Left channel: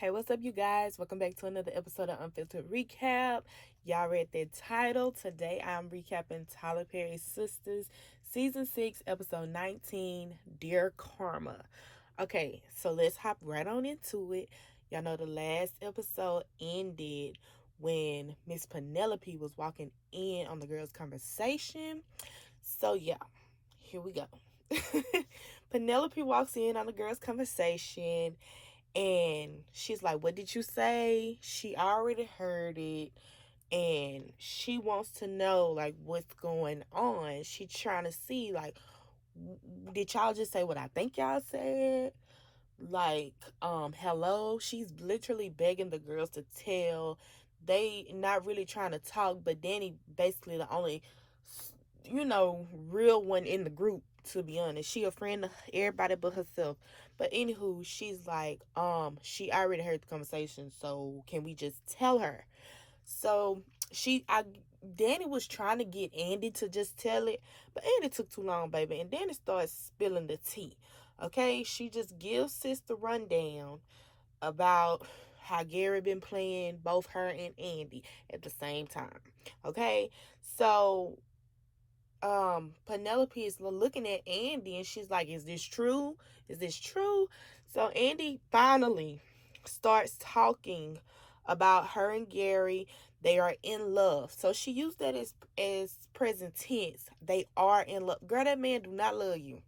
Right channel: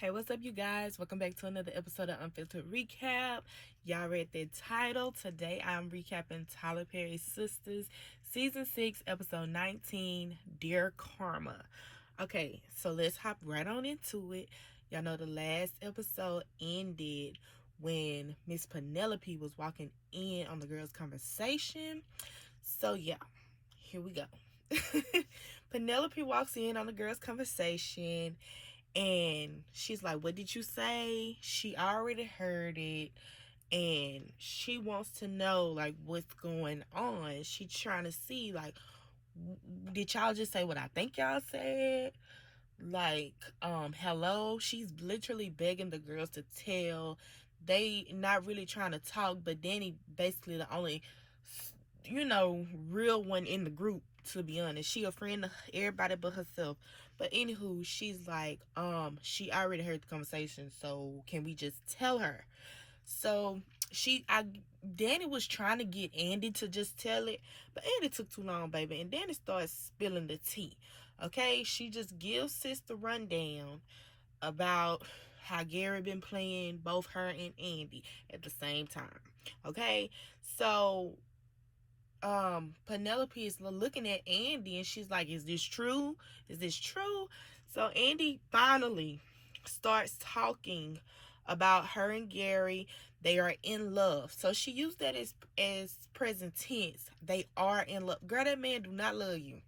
Hey, what's up, you guys? Welcome back to another episode of Unfiltered Recap. Y'all read the title. Today I'm recapping Tyler Perry's Sistas, Season 6, Episode 19, Dear Karma. Okay, so let's hop right on into it. Y'all know the last episode ended when Miss Penelope was walking in on the girls' conversation. So, yeah, here we go. Penelope walks in on the girls' conversation. And she's like, what did you say? She already heard it. And she wants to know, like, what's going on. She's trying to see, like, did y'all just say what I think y'all said? Like, hello? She's literally begging the girls to tell. They not really trying to talk, but Danny basically the only, real one in the group, to be honest. She a friend of everybody but herself. But anywho, she's like, she already heard the conversation, so can we just tell her? So Danny was trying to get Andy to just tell it, but Andy took too long, baby. And Danny starts spilling the tea. Okay, she just gives sis the rundown about how Gary been playing both her and Andy at the same time. Okay, so Penelope is looking at Andy and she's like, is this true? Is this true? So Andy finally starts talking about her and Gary. They are in love. So she used that as present tense. They are in love. Girl, that man do not love you.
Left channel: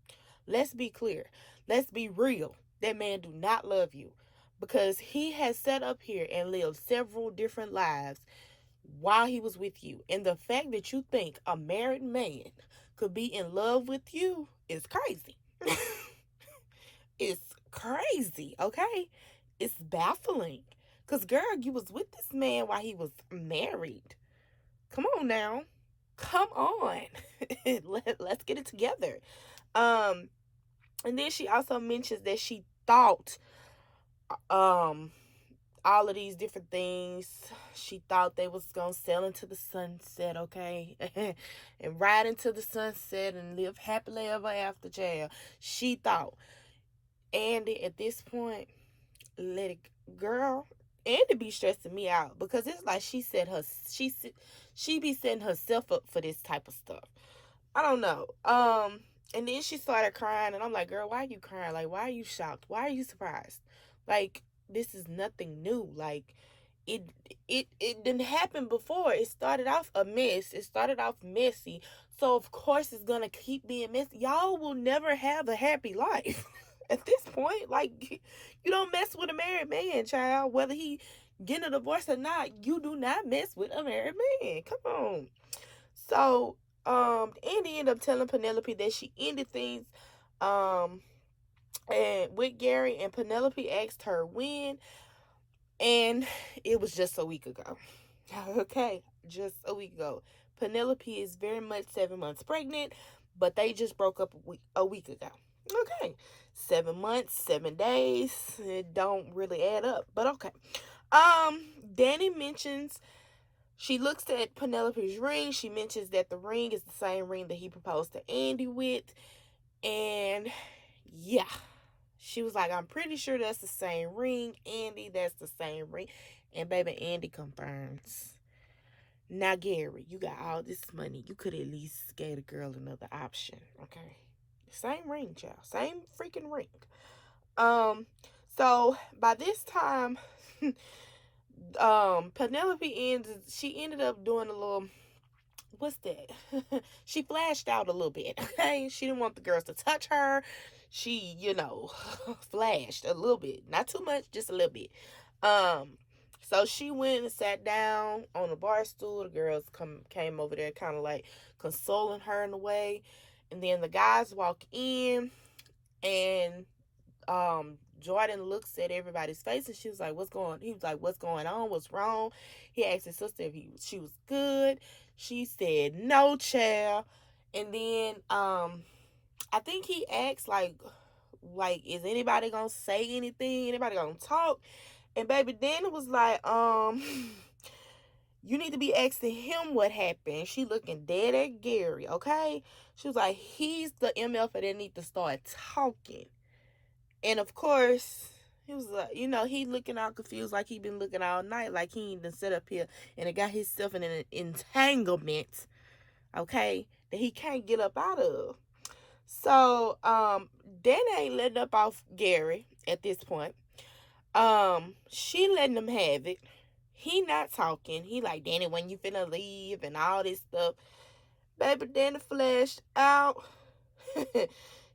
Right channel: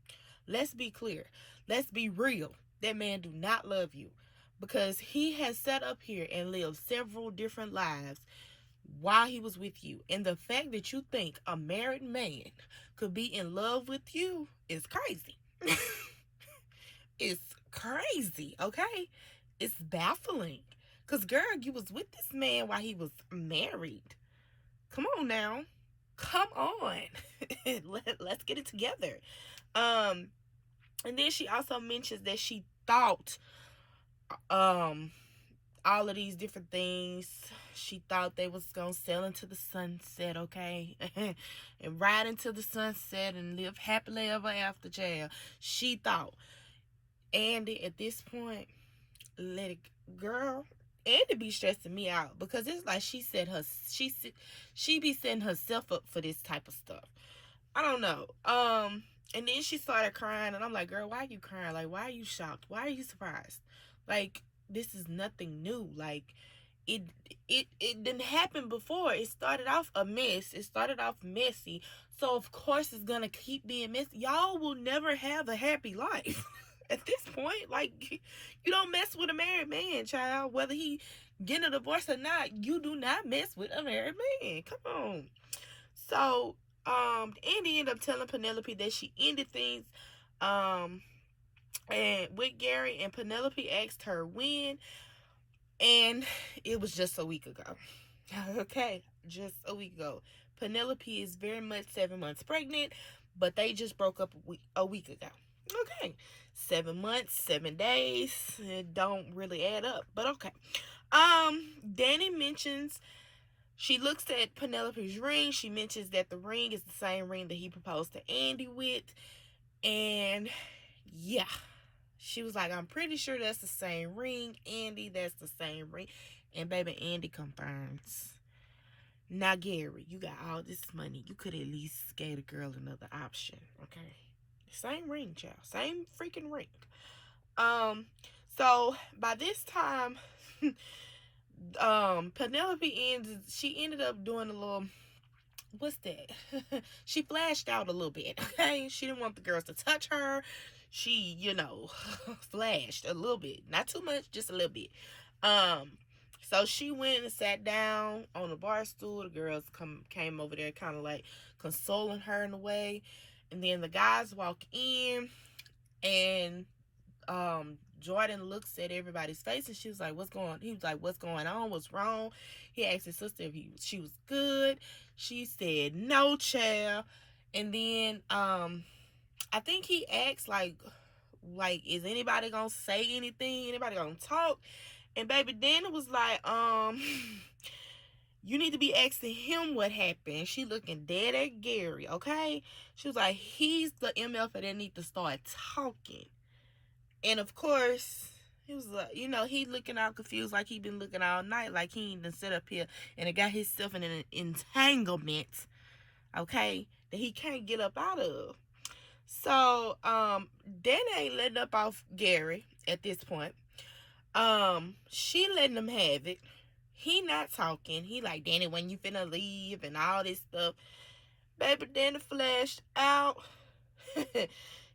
Let's be clear. Let's be real. That man do not love you. Because he has sat up here and lived several different lives while he was with you. And the fact that you think a married man could be in love with you is crazy. It's crazy, okay? It's baffling. Because, girl, you was with this man while he was married. Come on now. Come on. Let's get it together. Um, and then she also mentions that she thought um all of these different things. She thought they was gonna sail into the sunset, okay? And ride into the sunset and live happily ever after, child. She thought. Andy, at this point, let it, girl. Andy be stressing me out because it's like she be setting herself up for this type of stuff. I don't know. And then she started crying, and I'm like, girl, why are you crying? Like, why are you shocked? Why are you surprised? Like, this is nothing new. Like, it it didn't happen before. It started off a mess. It started off messy. So of course it's gonna keep being messy. Y'all will never have a happy life. At this point, like, you don't mess with a married man, child. Whether he getting a divorce or not, you do not mess with a married man. Come on. So Andy ended up telling Penelope that she ended things and with Gary, and Penelope asked her when, and it was just a week ago. Okay, just a week ago. Penelope is very much 7 months pregnant, but they just broke up a week ago. Okay, 7 months, 7 days. It don't really add up, but okay. Danny mentions, she looks at Penelope's ring. She mentions that the ring is the same ring that he proposed to Andy with. And yeah, she was like, I'm pretty sure that's the same ring. Andy, that's the same ring. And baby, Andy confirms. Now, Gary, you got all this money. You could at least get a girl another option, okay? Same ring, child. Same freaking ring. So by this time, she ended up doing a little, what's that? She flashed out a little bit. Okay, she didn't want the girls to touch her. She, flashed a little bit, not too much, just a little bit. So she went and sat down on the bar stool. The girls came over there, kind of like consoling her in a way. And then the guys walk in, and Jordan looks at everybody's face, and he was like, what's going on? What's wrong? He asked his sister if she was good. She said, no, child. And then, I think he asked, is anybody gonna say anything? Anybody gonna talk? And baby, then it was like, you need to be asking him what happened. She looking dead at Gary, okay? She was like, he's the MF that need to start talking. And of course, He was like, he looking all confused like he been looking all night, like he ain't been sit up here and got himself in an entanglement, okay, that he can't get up out of. So, Danny ain't letting up off Gary at this point. She letting him have it. He not talking. He like, Danny, when you finna leave and all this stuff. Baby, Danny flashed out.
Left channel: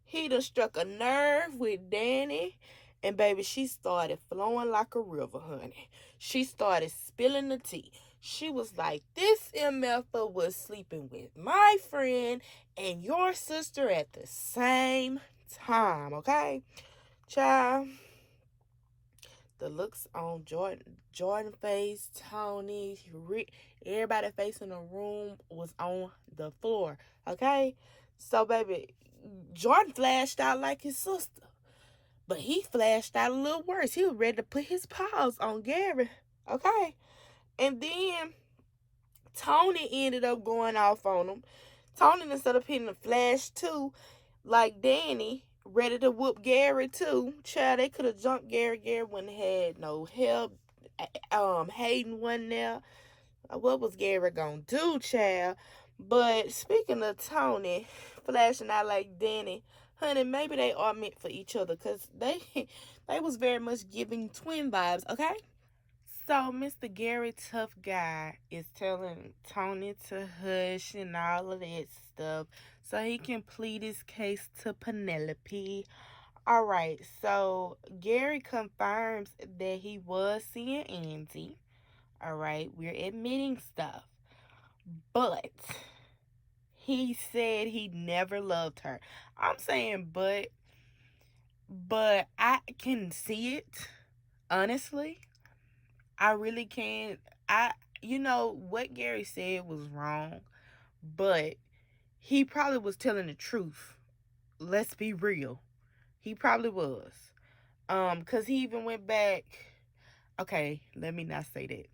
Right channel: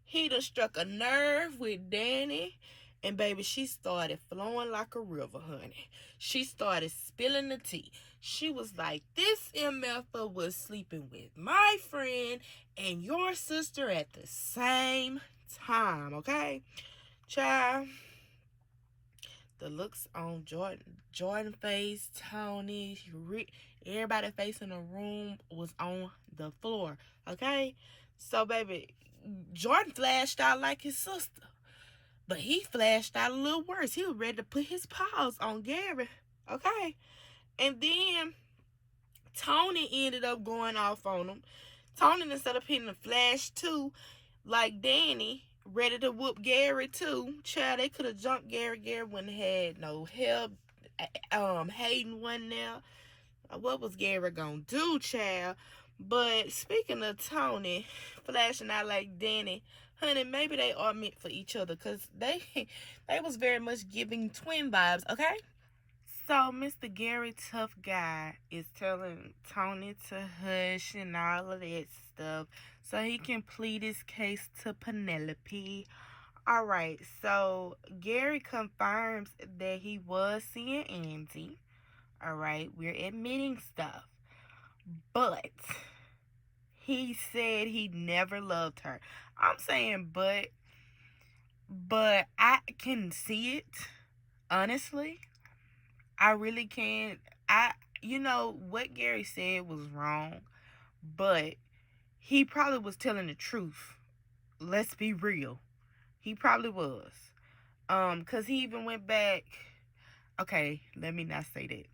He done struck a nerve with Danny. And baby, she started flowing like a river, honey. She started spilling the tea. She was like, this MFer was sleeping with my friend and your sister at the same time, okay? Child, the looks on Jordan face, Tony, Rick, everybody face in the room was on the floor, okay? So, baby, Jordan flashed out like his sister. But he flashed out a little worse. He was ready to put his paws on Gary, okay? And then Tony ended up going off on him. Tony, instead of hitting the flash too, like Danny, ready to whoop Gary too. Child, they could have jumped Gary. Gary wouldn't have had no help. Hayden wasn't there. What was Gary gonna do, child? But speaking of Tony flashing out like Danny, honey, maybe they are meant for each other, because they was very much giving twin vibes, okay? So Mr. Gary Tough Guy is telling Tony to hush and all of that stuff so he can plead his case to Penelope. All right, so Gary confirms that he was seeing Andy. All right, we're admitting stuff. But he said he never loved her. I'm saying but I can see it, honestly. I really can. What Gary said was wrong, but he probably was telling the truth. Let's be real. He probably was. Cause he even went back. Okay, let me not say that.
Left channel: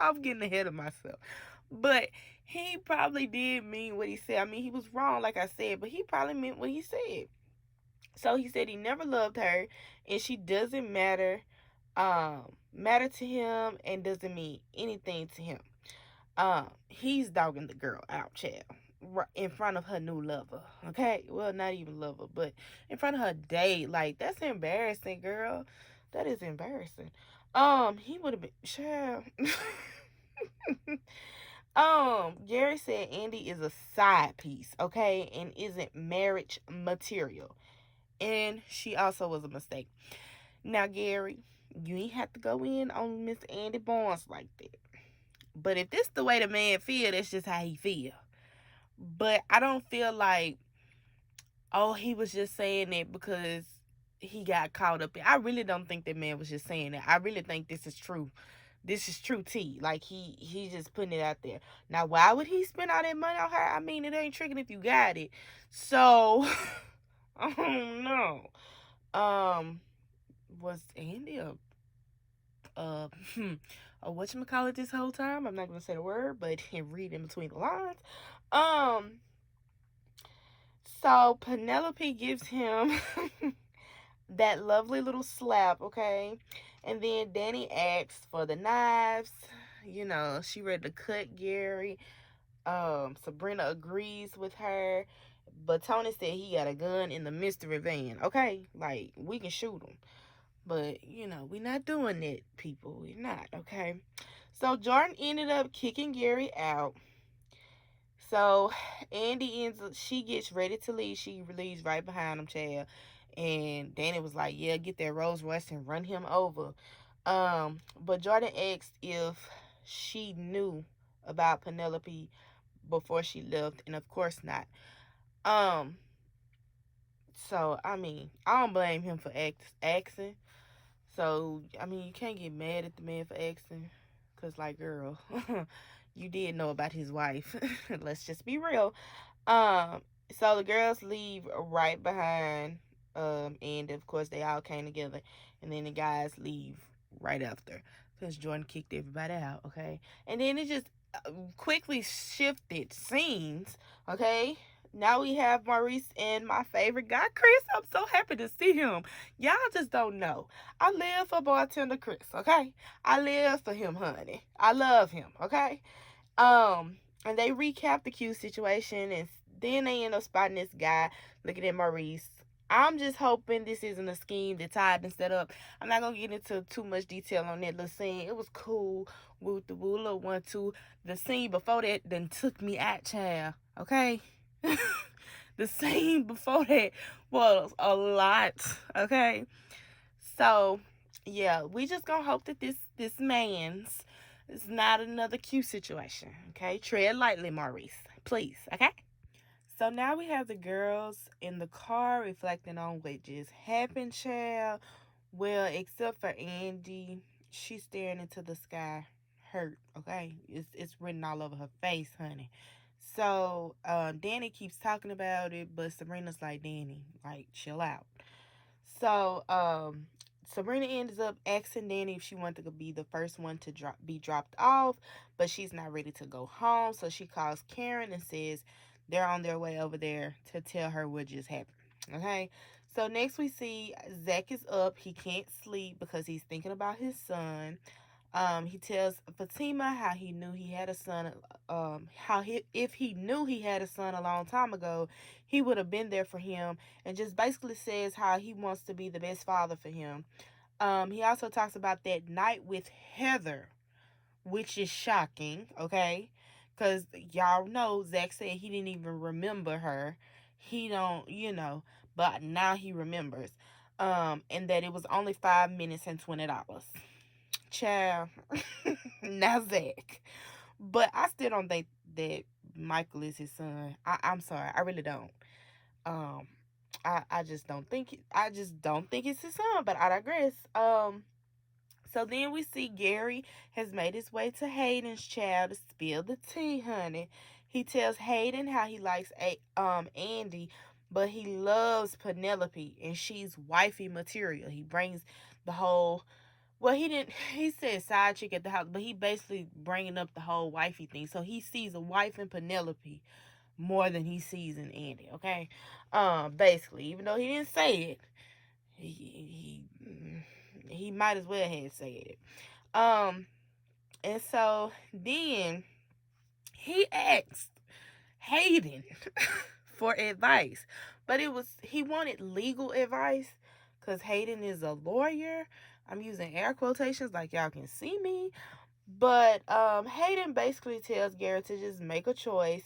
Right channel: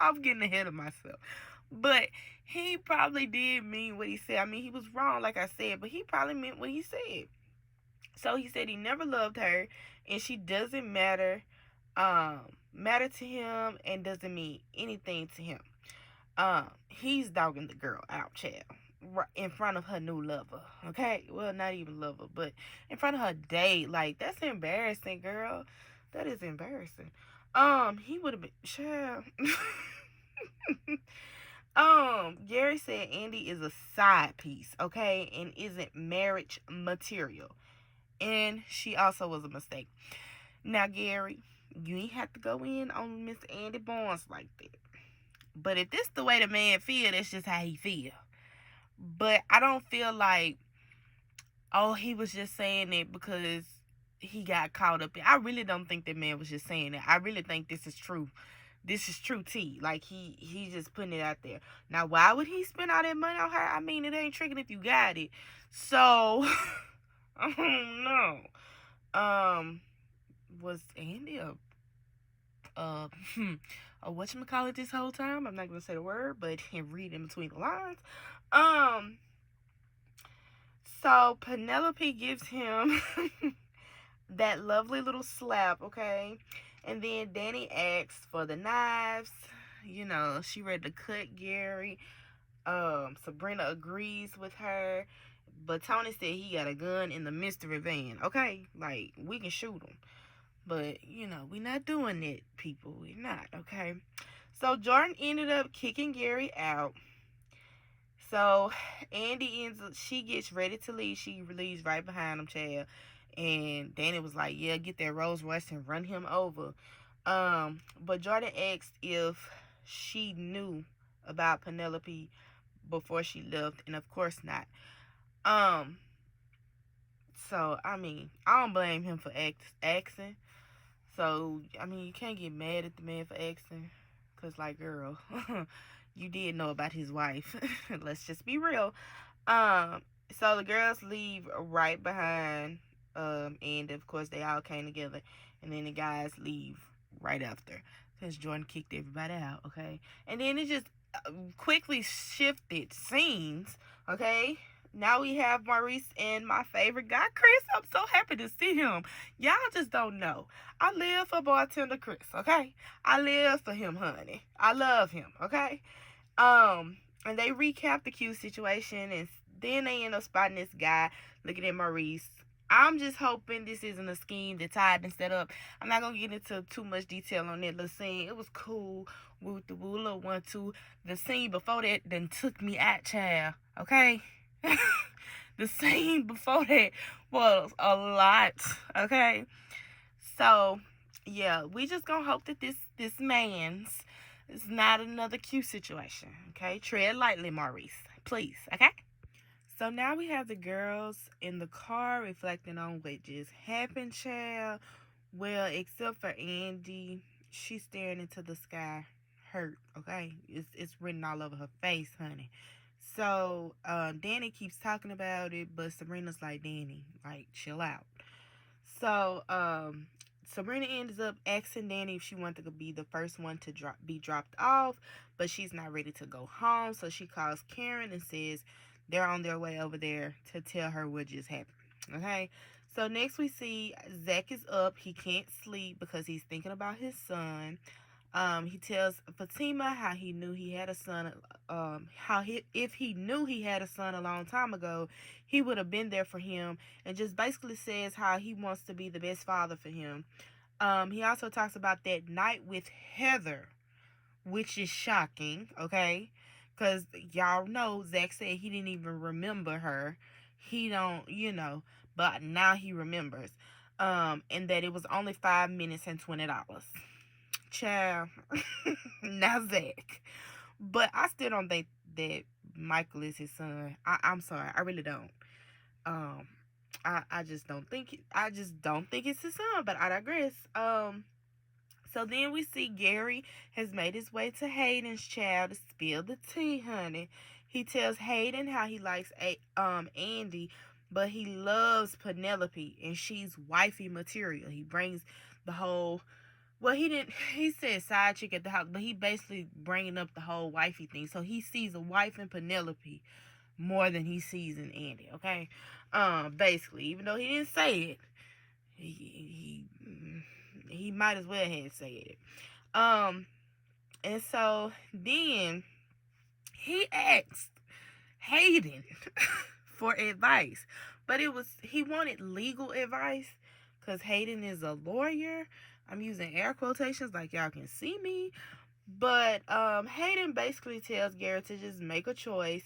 I'm getting ahead of myself. But he probably did mean what he said. I mean, he was wrong, like I said, but he probably meant what he said. So he said he never loved her, and she doesn't matter to him, and doesn't mean anything to him. He's dogging the girl out, child, right in front of her new lover. Okay, well, not even lover, but in front of her date. Like, that's embarrassing, girl. That is embarrassing. He would have been, child. Gary said Andy is a side piece, okay, and isn't marriage material. And she also was a mistake. Now, Gary, you ain't have to go in on Miss Andy Barnes like that. But if this the way the man feel, that's just how he feel. But I don't feel like, oh, he was just saying it because he got caught up in. I really don't think that man was just saying that. I really think this is true. This is true tea. Like, he just putting it out there. Now, why would he spend all that money on her? I mean, it ain't tricking if you got it. So, I don't know. Was Andy a whatchamacallit this whole time? I'm not gonna say the word, but read in between the lines. So Penelope gives him that lovely little slap, okay? And then Danny asks for the knives. She ready to cut Gary. Sabrina agrees with her. But Tony said he got a gun in the mystery van, okay? Like, we can shoot him. But, we not doing that, people. We're not, okay? So Jordan ended up kicking Gary out. So she gets ready to leave. She leaves right behind him, child. And Danny was like, yeah, get that Rolls Royce and run him over. But Jordan asked if she knew about Penelope before she left, and of course not. So, I mean, I don't blame him for asking. So, I mean, you can't get mad at the man for asking. Because, like, girl, you did know about his wife. Let's just be real. So the girls leave right behind, and of course they all came together. And then the guys leave right after. Because Jordan kicked everybody out, okay? And then it just quickly shifted scenes, okay? Now we have Maurice and my favorite guy, Chris. I'm so happy to see him. Y'all just don't know. I live for bartender Chris, okay? I live for him, honey. I love him, okay? And they recap the Q situation, and then they end up spotting this guy looking at Maurice. I'm just hoping this isn't a scheme that tied and set up. I'm not gonna get into too much detail on that little scene. It was cool with the woo little 1-2. The scene before that then took me out, child. Okay, the scene before that was a lot. Okay, so yeah, we just gonna hope that this man's is not another Q situation. Okay, tread lightly, Maurice, please. Okay. So now we have the girls in the car reflecting on what just happened, child. Well, except for Andy, she's staring into the sky, hurt. Okay, it's written all over her face, honey. So Danny keeps talking about it, but Sabrina's like, Danny, like, chill out. So Sabrina ends up asking Danny if she wanted to be the first one to be dropped off, but she's not ready to go home. So she calls Karen and says they're on their way over there to tell her what just happened. Okay. So next we see Zach is up. He can't sleep because he's thinking about his son. He tells Fatima how he knew he had a son. If he knew he had a son a long time ago, he would have been there for him, and just basically says how he wants to be the best father for him. He also talks about that night with Heather, which is shocking. Okay, because y'all know Zach said he didn't even remember her. He don't, but now he remembers. And that it was only 5 minutes and $20. Child, now Zach. But I still don't think that Michael is his son. I'm sorry, I really don't. Um, I just don't think it's his son. But I digress. So then we see Gary has made his way to Hayden's child to spill the tea, honey. He tells Hayden how he likes Andy, but he loves Penelope and she's wifey material. He brings the whole well, he didn't. He said side chick at the house, but he basically bringing up the whole wifey thing. So he sees a wife in Penelope more than he sees in Andy. Okay, basically, even though he didn't say it, he might as well have said it. And so then he asked Hayden for advice, but he wanted legal advice because Hayden is a lawyer. I'm using air quotations like y'all can see me. But Hayden basically tells Garrett to just make a choice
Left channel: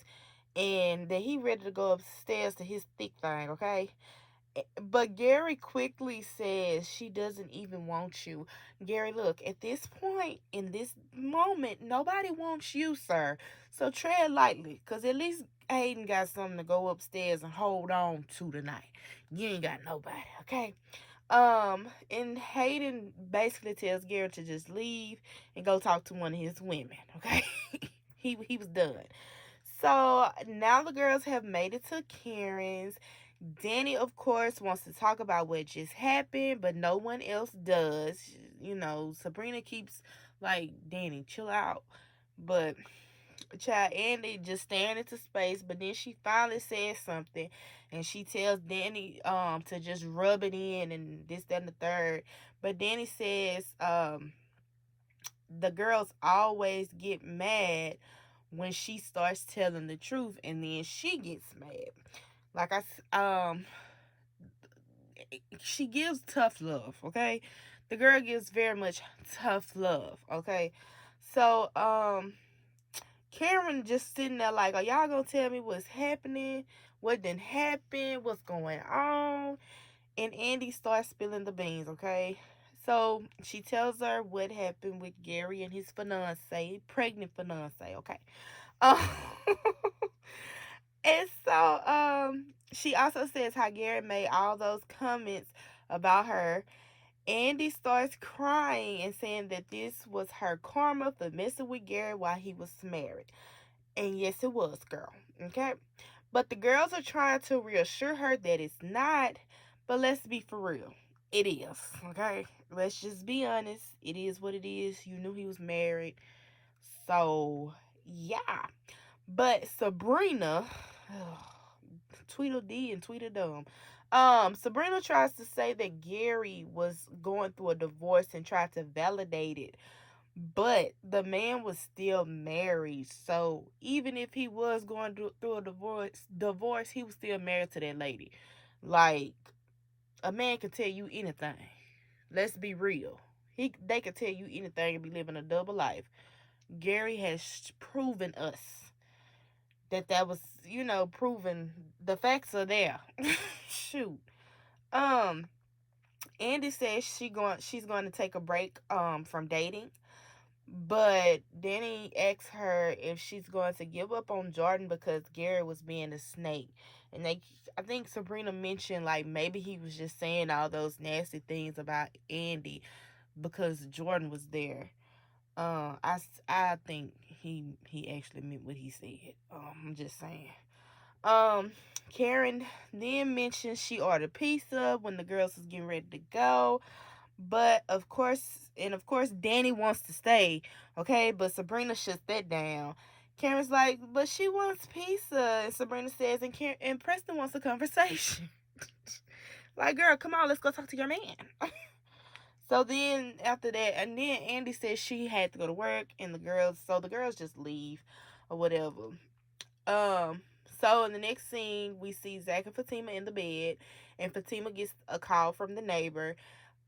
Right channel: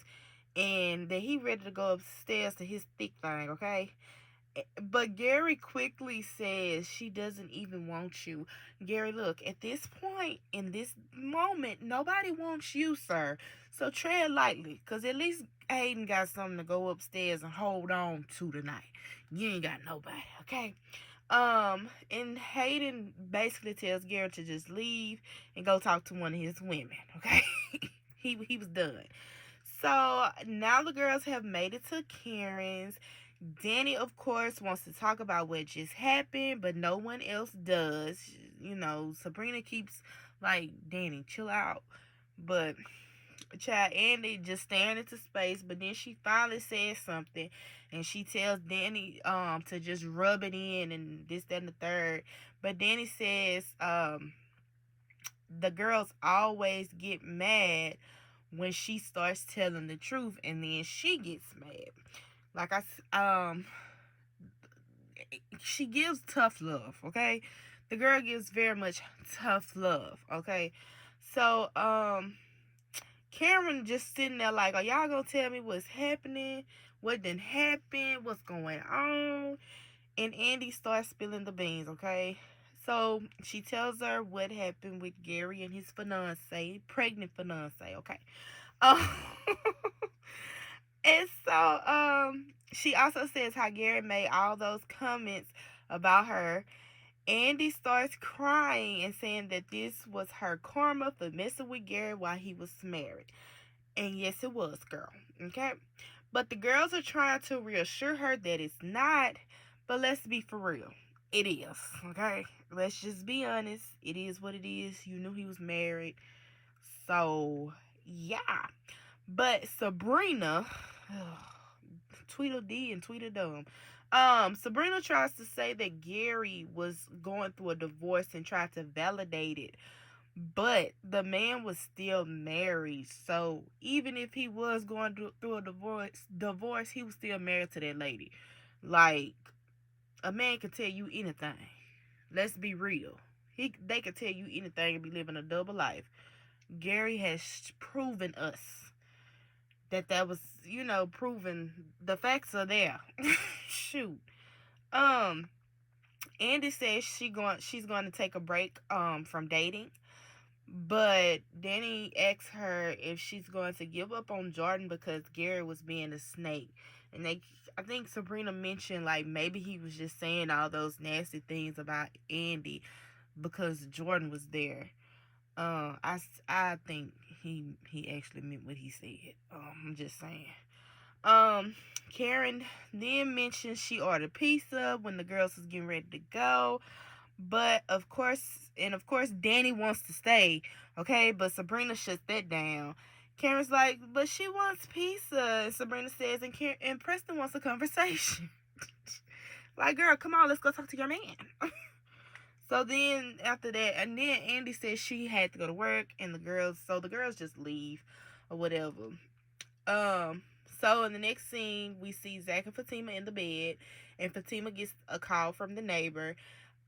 and that he ready to go upstairs to his thick thing, okay? But Gary quickly says she doesn't even want you. Gary, look, at this point, in this moment, nobody wants you, sir. So tread lightly, because at least Hayden got something to go upstairs and hold on to tonight. You ain't got nobody, okay? And Hayden basically tells Gary to just leave and go talk to one of his women, okay? he was done. So now the girls have made it to Karen's. Danny, of course, wants to talk about what just happened, but no one else does. Sabrina keeps like, Danny, chill out. But child, Andy just staring into space, but then she finally says something and she tells Danny to just rub it in and this, that, and the third. But Danny says the girls always get mad when she starts telling the truth, and then she gets mad. Like she gives tough love, okay? The girl gives very much tough love, okay? So Karen just sitting there like, are y'all gonna tell me what's happening? What didn't happen? What's going on? And Andy starts spilling the beans, okay? So she tells her what happened with Gary and his fiance, pregnant fiance, okay? Um, and so she also says how Gary made all those comments about her. Andy starts crying and saying that this was her karma for messing with Gary while he was married. And yes, it was, girl. Okay? But the girls are trying to reassure her that it's not. But let's be for real. It is. Okay? Let's just be honest. It is what it is. You knew he was married. So, yeah. But Sabrina, Tweedledee and Tweedledum. Sabrina tries to say that Gary was going through a divorce and tried to validate it, but the man was still married. So even if he was going through a divorce, he was still married to that lady. Like, a man can tell you anything. Let's be real. They can tell you anything and be living a double life. Gary has proven us that was, proven. The facts are there. Shoot. Um, Andy says she's going to take a break from dating, but Danny asks her if she's going to give up on Jordan because Gary was being a snake. And I think Sabrina mentioned like maybe he was just saying all those nasty things about Andy because Jordan was there. I think he actually meant what he said. I'm just saying. Um, Karen then mentioned she ordered pizza when the girls was getting ready to go, but of course, Danny wants to stay. Okay, but Sabrina shuts that down. Karen's like, but she wants pizza, and Sabrina says, and Preston wants a conversation. Like, girl, come on, let's go talk to your man. So then after that, and then Andy says she had to go to work, and the girls just leave or whatever. Um, so in the next scene, we see Zach and Fatima in the bed, and Fatima gets a call from the neighbor.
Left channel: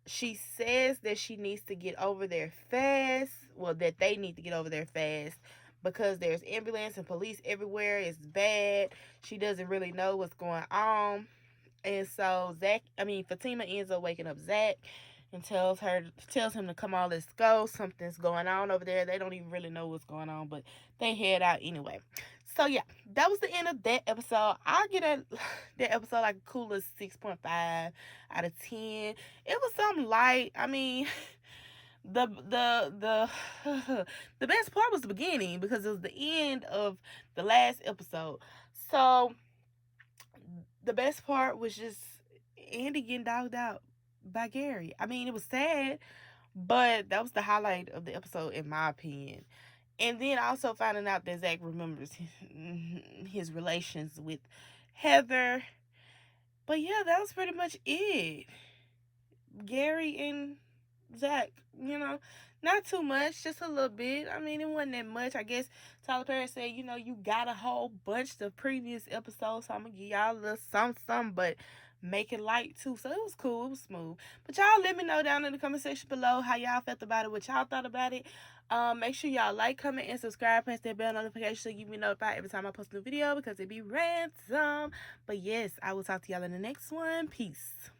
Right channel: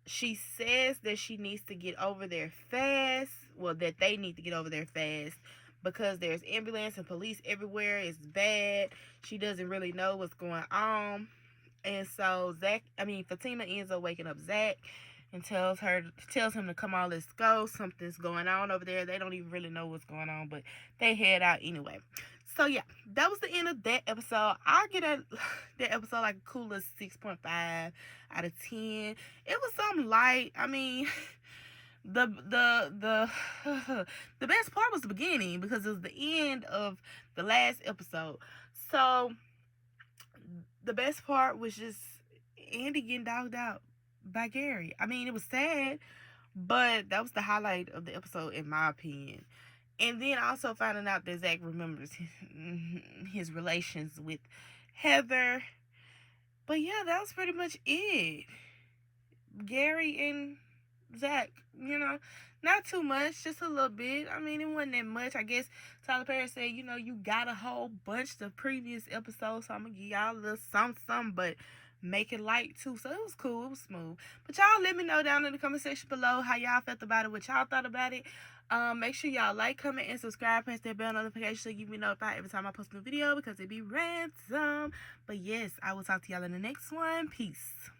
She says that she needs to get over there fast. Well, that they need to get over there fast because there's ambulance and police everywhere. It's bad. She doesn't really know what's going on. And so Fatima ends up waking up Zach and tells him to come on, let's go. Something's going on over there. They don't even really know what's going on, but they head out anyway. So yeah, that was the end of that episode. I get that episode like a coolest 6.5 out of 10. It was something light. I mean, the the best part was the beginning because it was the end of the last episode. So the best part was just Andy getting dogged out by Gary. I mean, it was sad, but that was the highlight of the episode, in my opinion. And then also finding out that Zach remembers his relations with Heather. But yeah, that was pretty much it. Gary and Zach, not too much, just a little bit. I mean, it wasn't that much. I guess Tyler Perry said, you got a whole bunch of previous episodes, so I'm going to give y'all a little something, but make it light too. So it was cool. It was smooth. But y'all let me know down in the comment section below how y'all felt about it, what y'all thought about it. Make sure y'all like, comment, and subscribe. Press that bell notification so you be notified every time I post a new video because it be ransom. But yes, I will talk to y'all in the next one. Peace.